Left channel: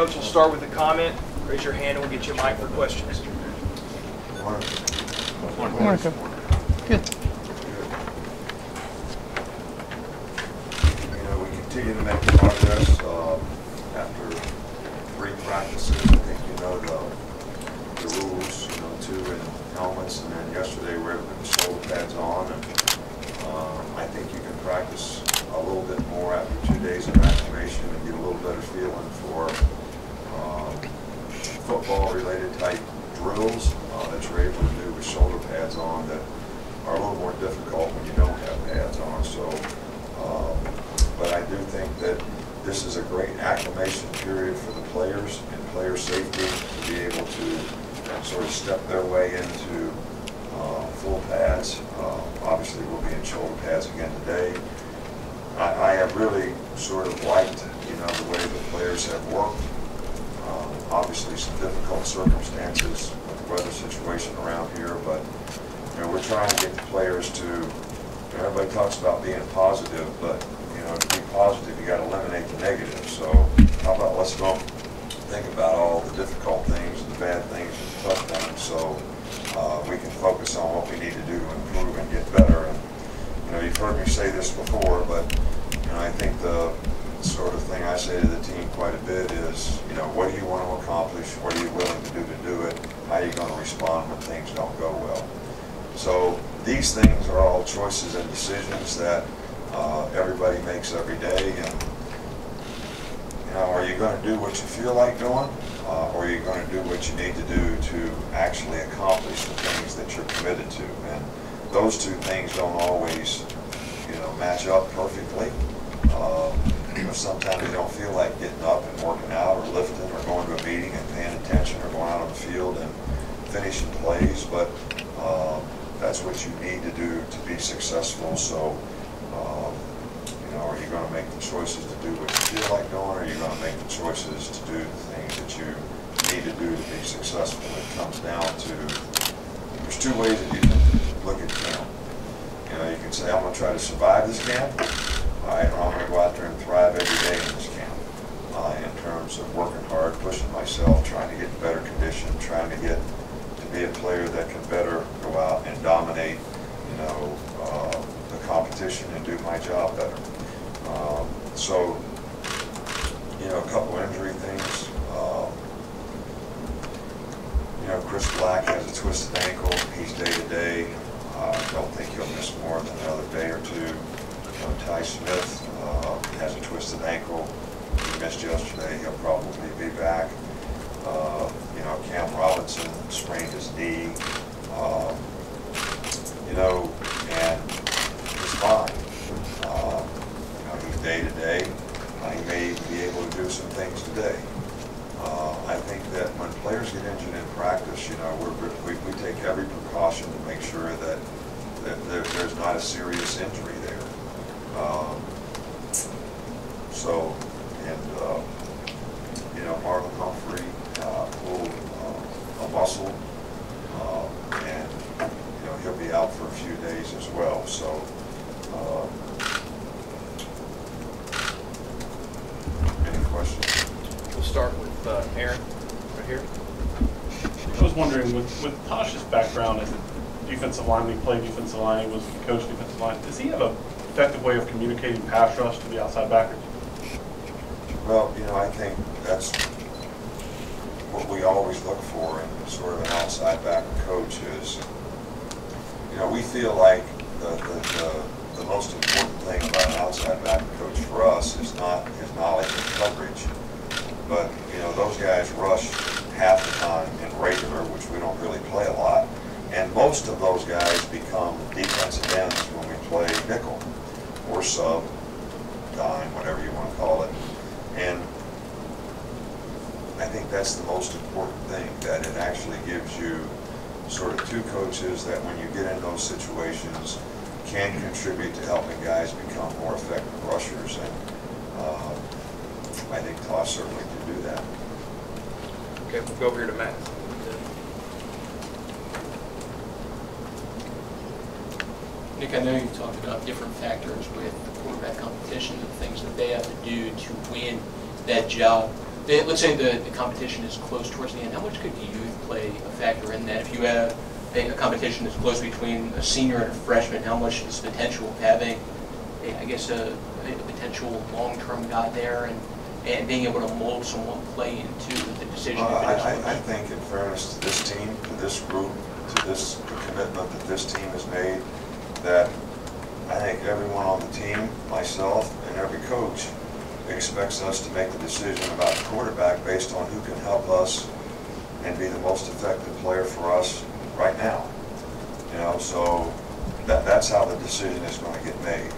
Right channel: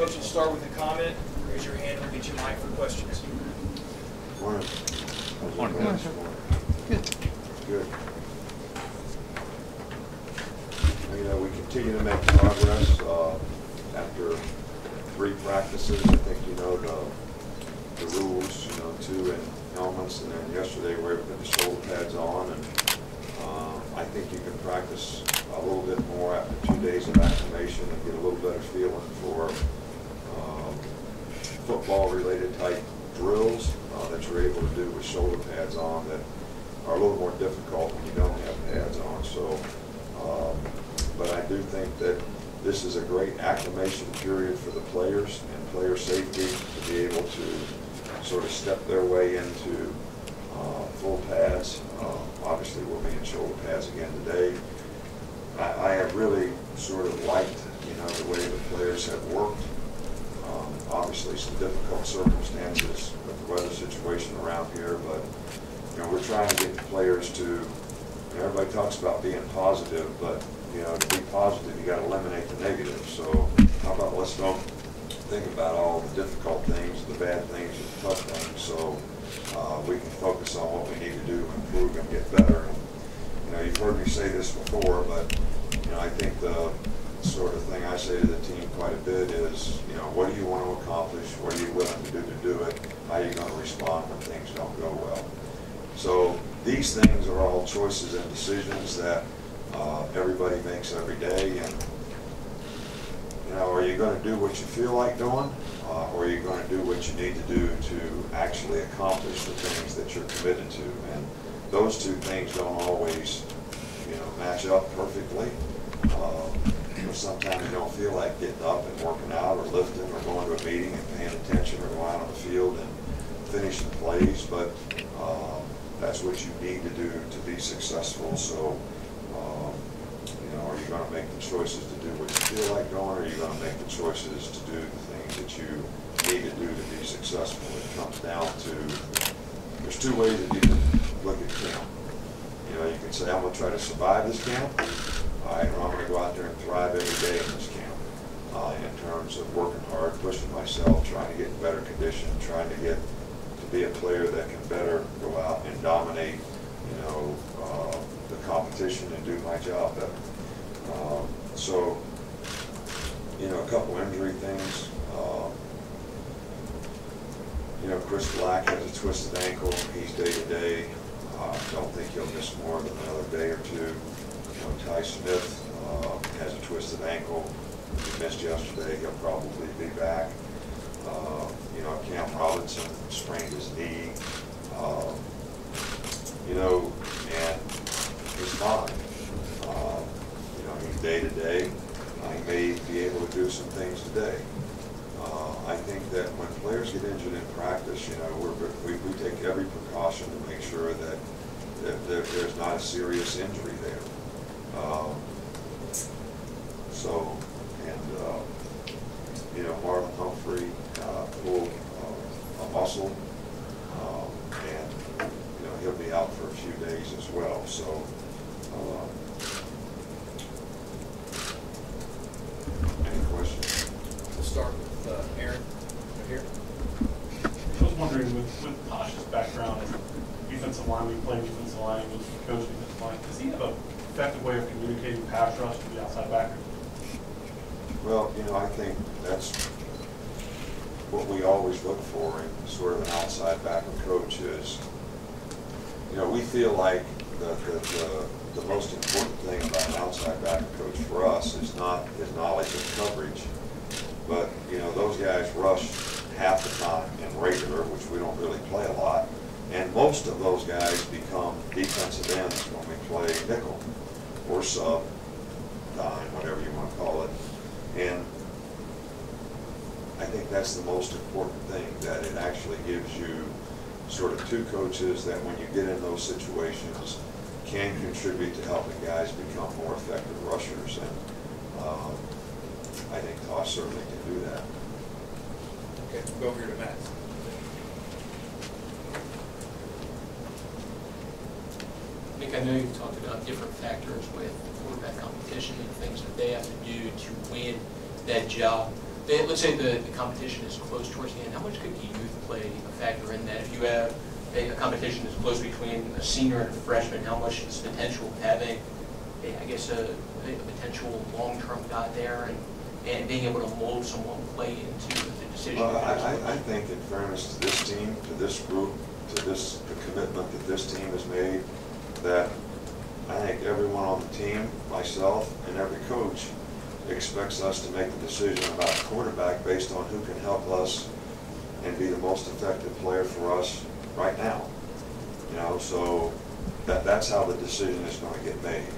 Coach will start with a comment. Raise your hand and we'll get you a mic for questions. Morning. Morning, sir. Good. Good. You know, we continue to make progress after 3 practices. I think you know the rules, you know, 2 in helmets, and then yesterday we were able to put the shoulder pads on, and I think you can practice a little bit more after 2 days of acclimation and get a little better feeling for football-related type drills that you're able to do with shoulder pads on that are a little more difficult when you don't have pads on. So, but I do think that this is a great acclimation period for the players and player safety to be able to sort of step their way into full pads. Obviously, we'll be in shoulder pads again today. I have really sort of liked, you know, the way the players have worked. Obviously, some difficult circumstances with the weather situation around here, but you know, we're trying to get the players to. You know, everybody talks about being positive, but you know, to be positive, you got to eliminate the negative. So, how about let's go think about all the difficult things, the bad things, and the tough things, so we can focus on what we need to do to improve and get better. And you know, you've heard me say this before, but you know, I think the sort of thing I say to the team quite a bit is, you know, what do you want to accomplish? What are you willing to do it? How are you going to respond when things don't go well? So these things are all choices and decisions that everybody makes every day. And you know, are you going to do what you feel like doing, or are you going to do what you need to do to actually accomplish the things that you're committed to? And those two things don't always, you know, match up perfectly. You know, sometimes you don't feel like getting up and working out or lifting or going to a meeting and paying attention or going out on the field and finishing plays, but that's what you need to do to be successful. So, you know, are you going to make the choices to do what you feel like doing, or are you going to make the choices to do the things that you need to do to be successful? It comes down to, there's 2 ways that you can look at camp. You know, you can say, I'm going to try to survive this camp. All right, well, I'm going to go out there and thrive every day in this camp in terms of working hard, pushing myself, trying to get in better condition, trying to get to be a player that can better go out and dominate, you know, the competition and do my job better. So, you know, a couple injury things. You know, Chris Black has a twisted ankle. He's day to day. I don't think he'll miss more than another day or 2. You know, Ty Smith has a twisted ankle. He missed yesterday. He'll probably be back. You know, Cam Robinson sprained his knee. You know, and he's fine. You know, he's day to day. He may be able to do some things today. I think that when players get injured in practice, you know, we take every precaution to make sure that there's not a serious injury there. So, and you know, Marlon Humphrey pulled a muscle, and you know, he'll be out for a few days as well. So, any questions? We'll start with Aaron right here. I was wondering, with Tosh's background as a defensive lineman, he played defensive line, he was coach defensive line, does he have an effective way of communicating pass rush to the outside backers? Well, you know, I think that's what we always look for in sort of an outside backer coach is, you know, we feel like the most important thing about an outside backer coach for us is not his knowledge of coverage, but, you know, those guys rush half the time in regular, which we don't really play a lot, and most of those guys become defensive ends when we play nickel or sub, dime, whatever you want to call it. And I think that's the most important thing, that it actually gives you sort of 2 coaches that when you get in those situations can contribute to helping guys become more effective rushers. And I think Tosh certainly can do that. Okay, we'll go over here to Matt. Nick, I know you talked about different factors with quarterback competition and things that they have to do to win that job. let's say the competition is close towards the end, how much could youth play a factor in that? If you have a competition that's close between a senior and a freshman, how much is the potential of having, I guess, a potential long-term guy there and being able to mold someone play into the decision? I think, in fairness to this team, to this group, to this commitment that this team has made, that I think everyone on the team, myself, and every coach expects us to make the decision about the quarterback based on who can help us and be the most effective player for us right now. You know, so that's how the decision is going to get made.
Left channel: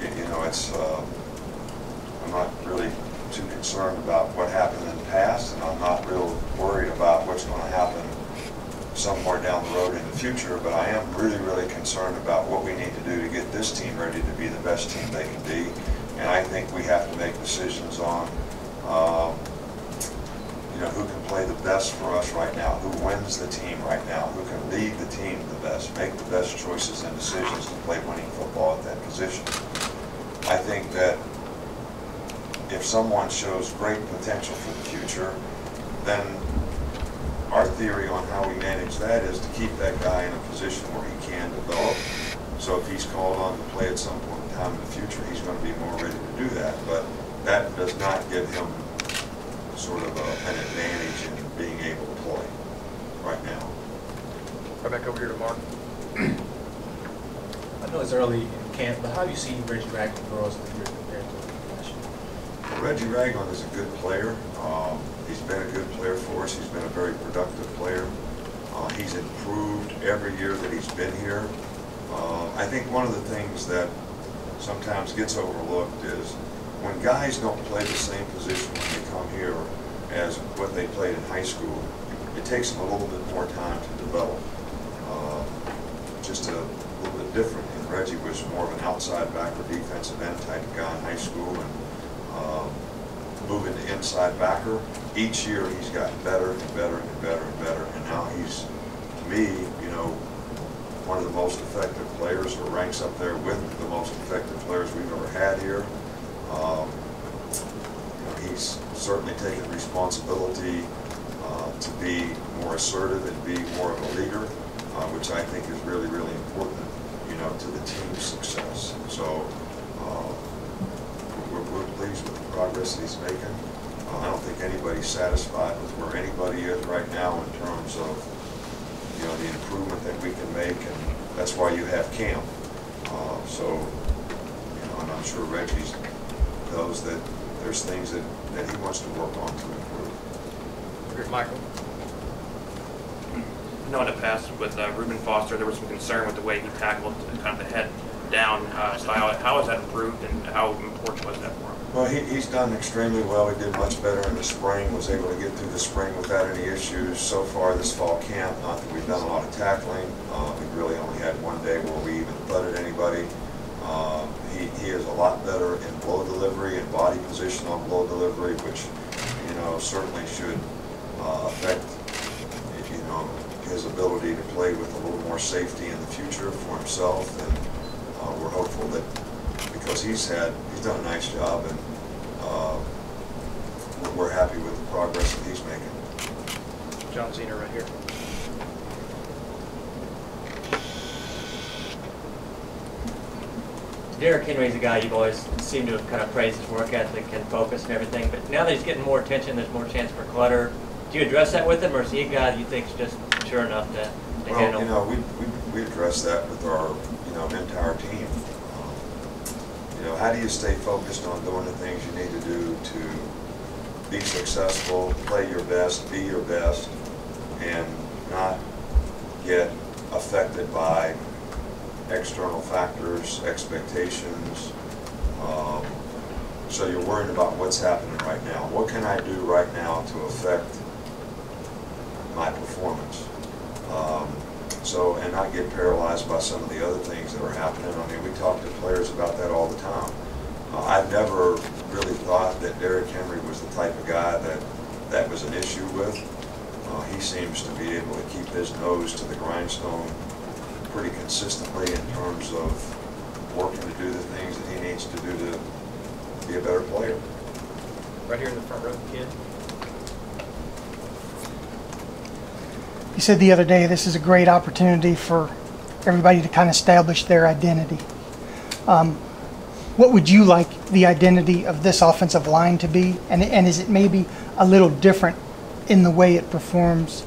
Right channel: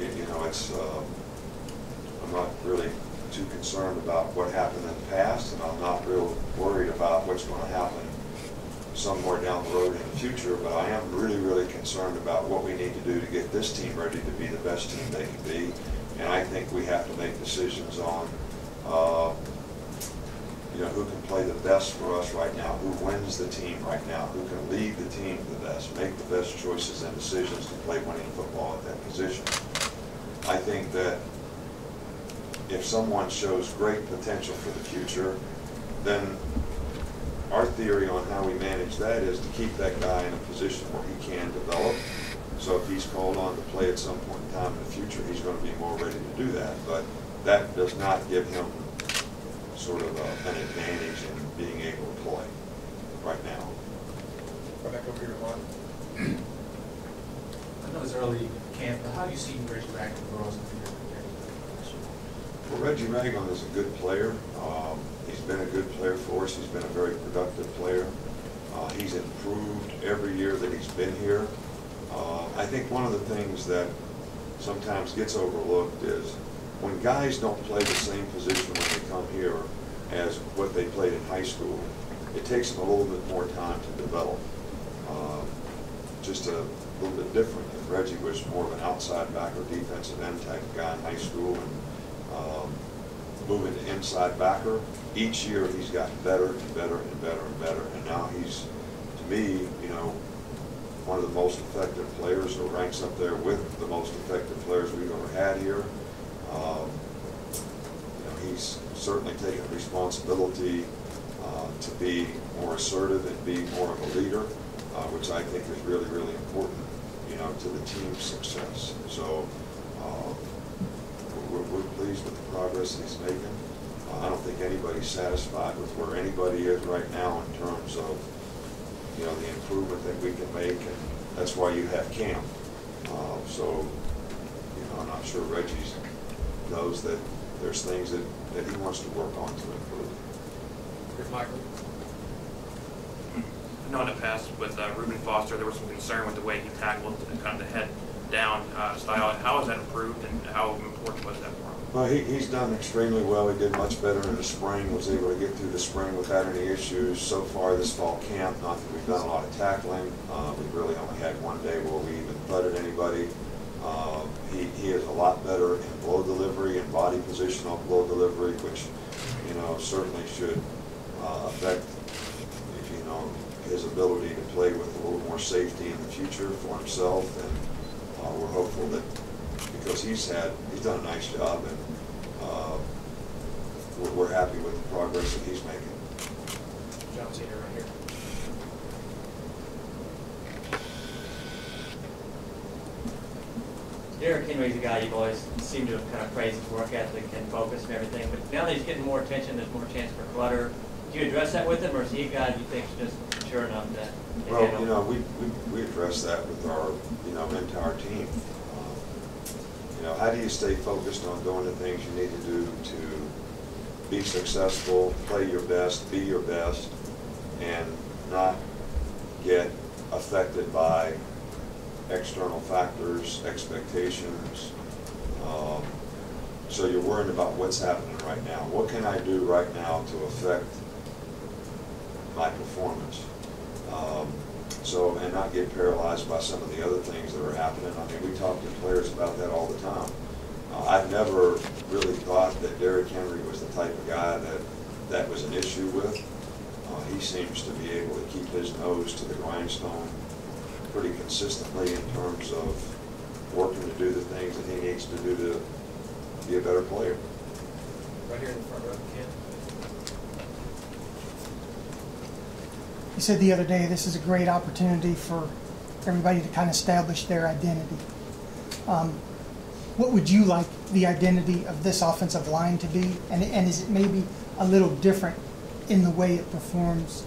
You know, it's I'm not really too concerned about what happened in the past, and I'm not real worried about what's going to happen somewhere down the road in the future, but I am really, really concerned about what we need to do to get this team ready to be the best team they can be. And I think we have to make decisions on you know, who can play the best for us right now, who wins the team right now, who can lead the team the best, make the best choices and decisions to play winning football at that position. I think that if someone shows great potential for the future, then our theory on how we manage that is to keep that guy in a position where he can develop. So if he's called on to play at some point in time in the future, he's going to be more ready to do that. But that does not give him sort of an advantage in being able to play right now. Right back over here to Mark. I know it's early in camp, but how do you see Reggie Ragland grow as a leader compared to last year? Well, Reggie Ragland is a good player. He's been a good player for us. He's been a very productive player. He's improved every year that he's been here. I think one of the things that sometimes gets overlooked is when guys don't play the same position when they come here as what they played in high school, it takes them a little bit more time to develop. Just a little bit different. And Reggie was more of an outside backer, defensive end type of guy in high school, and moving to inside backer. Each year he's gotten better and better and better and better, and now he's, to me, you know, one of the most effective players, or ranks up there with the most effective players we've ever had here. You know, he's certainly taken responsibility to be more assertive and be more of a leader, which I think is really, really important, you know, to the team's success. So we're pleased with the progress that he's making. I don't think anybody's satisfied with where anybody is right now in terms of, you know, the improvement that we can make, and that's why you have camp. So, you know, and I'm sure Reggie knows that there's things that he wants to work on to improve. Here's Michael. You know, in the past with Reuben Foster, there was some concern with the way he tackled kind of the head down style. How has that improved, and how important was that for him? Well, he's done extremely well. He did much better in the spring, was able to get through the spring without any issues. So far this fall camp, not that we've done a lot of tackling. We've really only had one day where we even butted anybody. He is a lot better in blow delivery and body position on blow delivery, which, you know, certainly should affect, you know, his ability to play with a little more safety in the future for himself. And we're hopeful that, because he's done a nice job, and we're happy with the progress that he's making. John Zener right here. Derrick Henry's a guy you've always seemed to have kind of praised his work ethic and focus and everything, but now that he's getting more attention, there's more chance for clutter. Do you address that with him, or is he a guy that you think is just mature enough to Well, handle? you know, we address that with our, you know, entire team. You know, how do you stay focused on doing the things you need to do to be successful, play your best, be your best, and not get affected by external factors, expectations. So you're worried about what's happening right now. What can I do right now to affect my performance? And not get paralyzed by some of the other things that are happening. I mean, we talk to players about that all the time. I've never really thought that Derrick Henry was the type of guy that was an issue with. He seems to be able to keep his nose to the grindstone pretty consistently in terms of working to do the things that he needs to do to be a better player. Right here in the front row, Ken. You said the other day this is a great opportunity for everybody to kind of establish their identity. What would you like the identity of this offensive line to be? And is it maybe a little different in the way it performs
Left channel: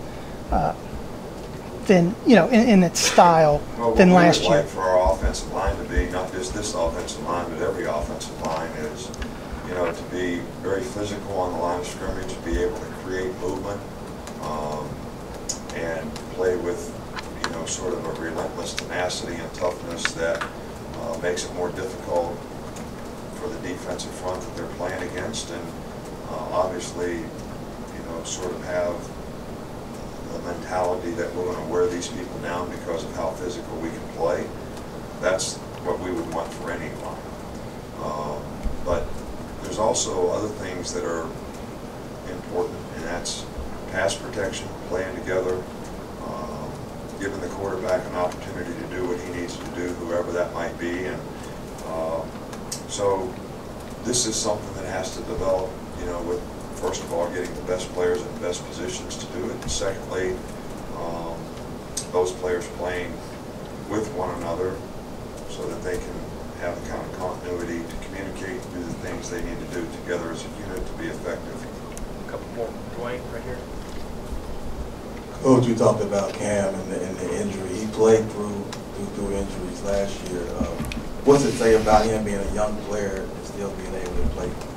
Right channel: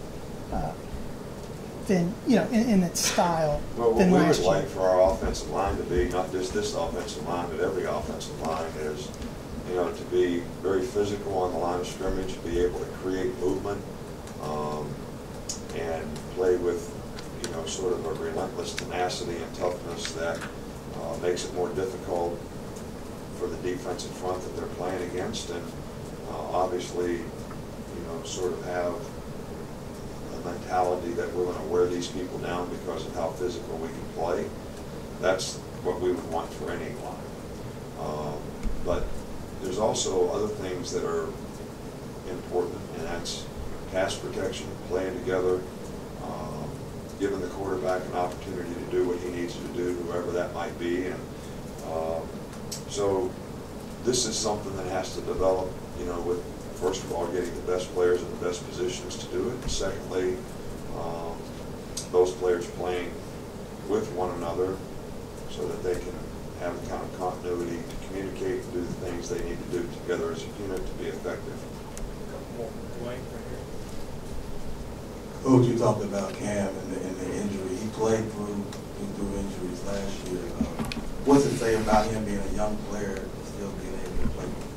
than, you know, in its style than last year? What we would like for our offensive line to be, not just this offensive line, but every offensive line is, you know, to be very physical on the line of scrimmage, be able to create movement, and play with, you know, sort of a relentless tenacity and toughness that makes it more difficult for the defensive front that they're playing against, and obviously, you know, sort of have the mentality that we're going to wear these people down because of how physical we can play. That's what we would want for any line. But there's also other things that are important, and that's pass protection, playing together, giving the quarterback an opportunity to do what he needs to do, whoever that might be. And so this is something that has to develop, you know, with, first of all, getting the best players in the best positions to do it. And secondly, those players playing with one another so that they can have the kind of continuity to communicate and do the things they need to do together as a unit to be effective. A couple more. Dwayne, right here. Coach, you talked about Cam and the injury. He played through injuries last year. What's it say about him being a young player and still being able to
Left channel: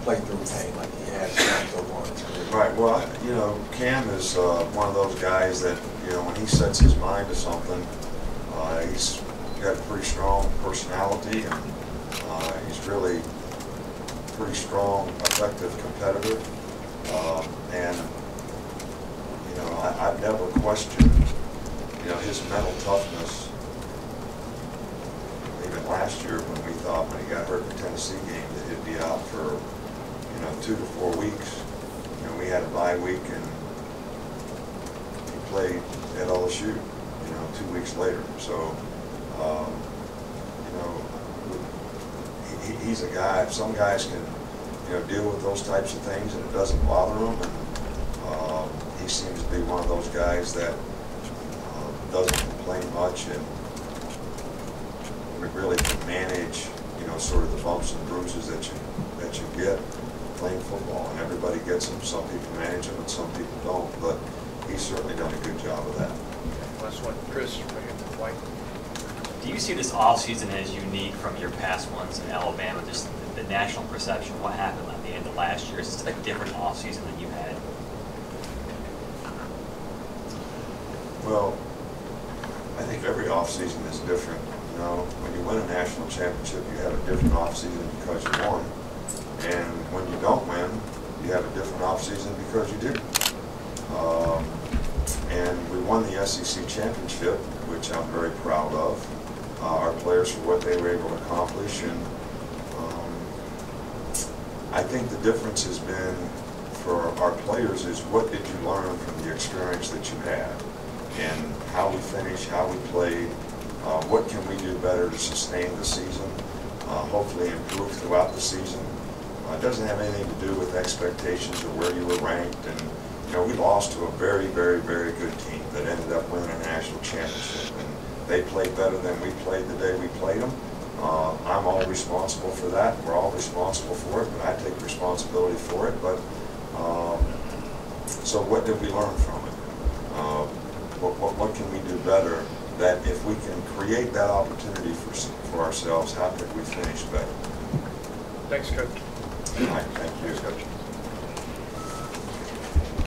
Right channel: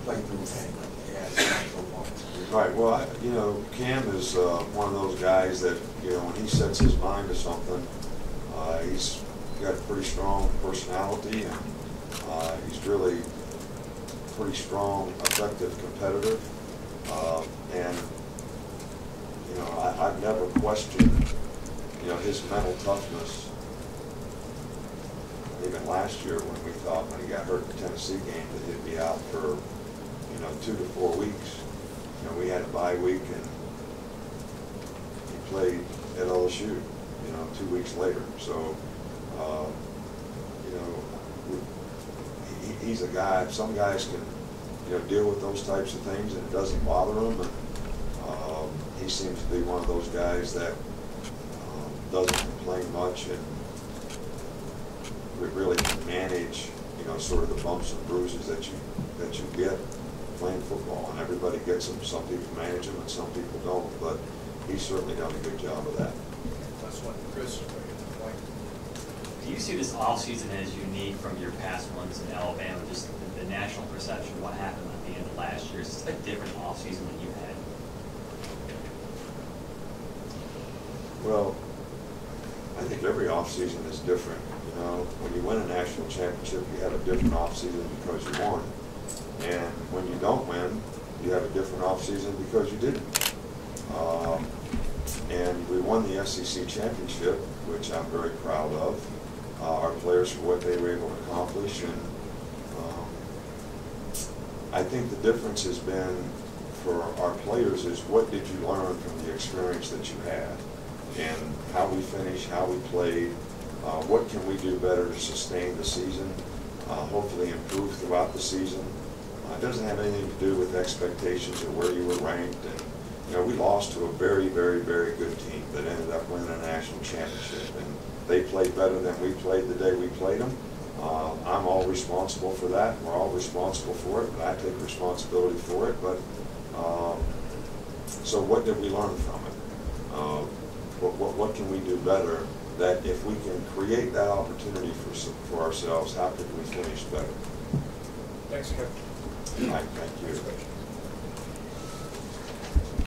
play through pain like he has so far in his career? Right. Well, you know, Cam is one of those guys that, you know, when he sets his mind to something, he's got a pretty strong personality, and he's really a pretty strong, effective competitor. And you know, I've never questioned, you know, his mental toughness. Even last year, when we thought when he got hurt in the Tennessee game that he'd be out for, you know, 2 to 4 weeks. You know, we had a bye week, and he played at LSU, you know, 2 weeks later. So, you know, he's a guy. Some guys can, you know, deal with those types of things, and it doesn't bother them. And he seems to be one of those guys that doesn't complain much, and we really can manage, you know, sort of the bumps and bruises that you get playing football. And everybody gets them. Some people manage them, and some people don't. But he's certainly done a good job of that. Okay, last one, Chris, right here, White. Do you see this offseason as unique from your past ones in Alabama? Just the national perception, what happened at the end of last year? Is this a different offseason than you had? Well, I think every offseason is different. You know, when you win a national championship, you have a different offseason because you won. And when you don't win, you have a different offseason because you didn't. And we won the SEC championship, which I'm very proud of. Our players for what they were able to accomplish. And I think the difference has been for our players is what did you learn from the experience that you had? And how we finished, how we played, what can we do better to sustain the season, hopefully improve throughout the season. It doesn't have anything to do with expectations or where you were ranked. And you know, we lost to a very, very, very good team that ended up winning a national championship. And they played better than we played the day we played them. I'm all responsible for that. We're all responsible for it, but I take responsibility for it. But so what did we learn from it? What can we do better? That if we can create that opportunity for ourselves, how could we finish better? Thanks, Coach. All right, thank you. Thanks, Coach.